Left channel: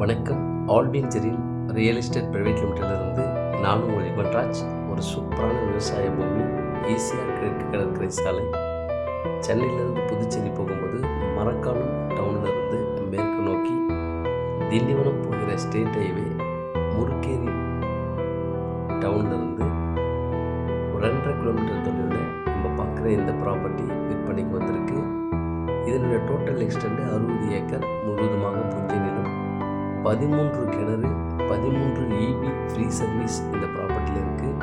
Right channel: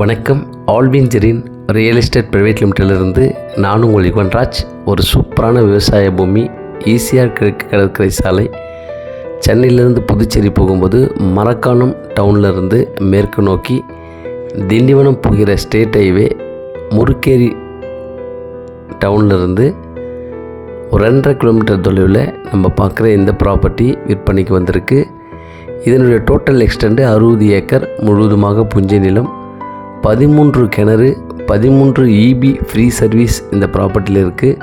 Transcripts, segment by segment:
வணக்கம். ஆல்வின்ஜரின் real estate private லிமிட்டடிலிருந்து நான் உங்கள் யுவன்ராஜ். ஒரு சூப்பரான விவசாய பூமி, ஈசிஆர் கிழக்கு கடற்கரை சாலை, சென்னையிலேருந்து புதுச்சேரி போகும்போது மரக்காணம் டவுன்லேருந்து மேற்கு நோக்கி திண்டிவனம் போகிற ஸ்டேட் ஹைவே முருக்கேரி டவுன்லேருந்து ஒரு 2.5 கிலோமீட்டர் தொலைவில் நம்ம பார்க்குற இந்த ப்ராப்பர்ட்டி விற்பனைக்கு வந்திருக்கு. இதனுடைய டோட்டல் எக்ஸ்டெண்டு 60 ஏக்கர், முழுவதுமாக புஞ்சை நிலம், 13 கிணறு, 13 EB ஃப்ரீ சர்வீஸ் இந்த ப்ராப்பர்ட்டியில் இருக்குது.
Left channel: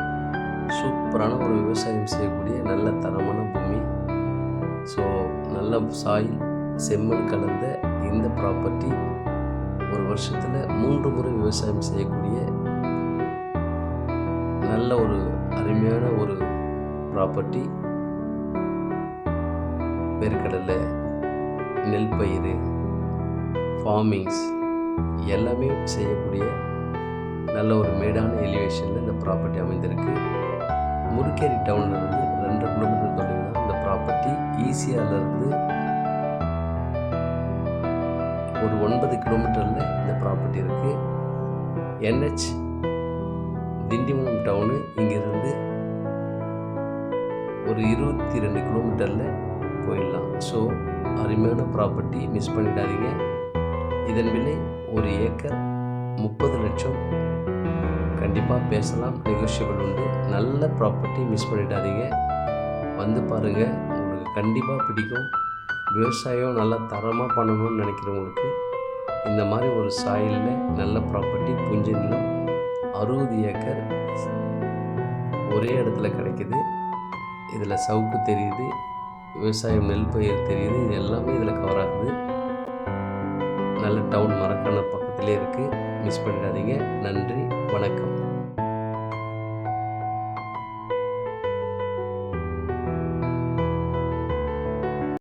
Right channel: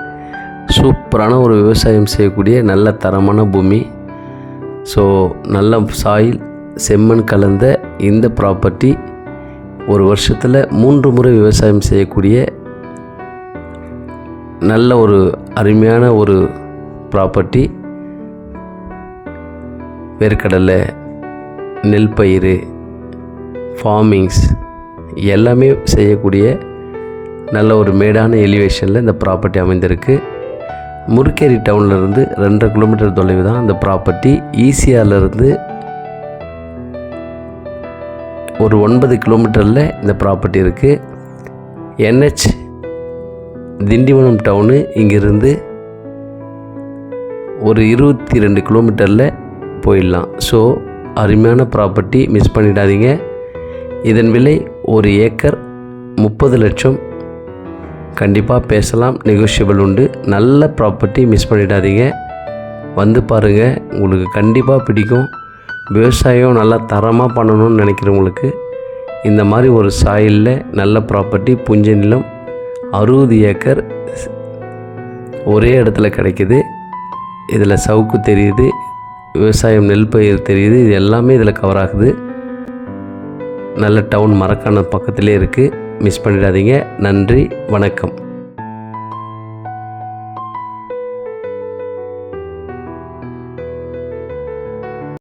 சூப்பரான ஒரு விவசாயம் செய்யக்கூடிய நல்ல தரமான பூமி. ஸோ நல்ல சாயில், செம்மண் கலந்த இந்த ப்ராப்பர்ட்டி ஒரு வருஷத்தில் 3 முறை விவசாயம் செய்யக்கூடிய நல்ல ஒரு அருமையான ஒரு ப்ராப்பர்ட்டி. வேர்க்கடலை, நெல் பயிர், ஃபார்மிங்ஸ் எல்லாமே செய்யக்கூடிய நல்ல ஒரு மேடான எலிவேஷனில் இந்த ப்ராப்பர்ட்டி அமைந்திருக்கு. முருக்கேரி டவுன்லேருந்து 2.5 கிலோமீட்டர் தொலைவு தான் இந்த ப்ராப்பர்ட்டி. ஈசிஆர்லேருந்து ஒரு 9 கிலோமீட்டரில் இந்த ப்ராப்பர்ட்டி இருக்குது. NH திண்டிவனம் டவுனு இங்கிருந்து ஒரு 22 கிலோமீட்டரில் போயிடலாம். ஸோ அருமையான ப்ராப்பர்ட்டி, மிஸ் பண்ணிடாதீங்க. இதன் விலை ஒரு ஏக்கர் 30 லட்சம். கண்டிப்பாக பேசலாம், நெகோஷியபிள் உண்டு. நல்ல ப்ராப்பர்ட்டி, மிஸ் பண்ணிடாதீங்க. வந்து பாருங்கள், உங்களுக்கு கண்டிப்பாக பிடிக்கும். விவசாயம் நல்லா தரமாக பண்ணணும்னு நினைக்கிறவங்களுக்கு இந்த மாதிரி ஒரு சாயிலில் நல்ல ப்ராப்பர்ட்டி, புஞ்சை நிலம், 60 ஏக்கர் ஒரே இடத்துல கிடைக்கிது. இதில் சவுக்கு தெரியுது, விவசாயம் நெல் பயிர் தெரியுது, இது எல்லாமே இதில் கவர் ஆகுது. நல்ல டவுன், மரக்காணம் பக்கத்திலே இருக்குது. மிஸ் பண்ணிடாதீங்க. நன்றி, வணக்கம்.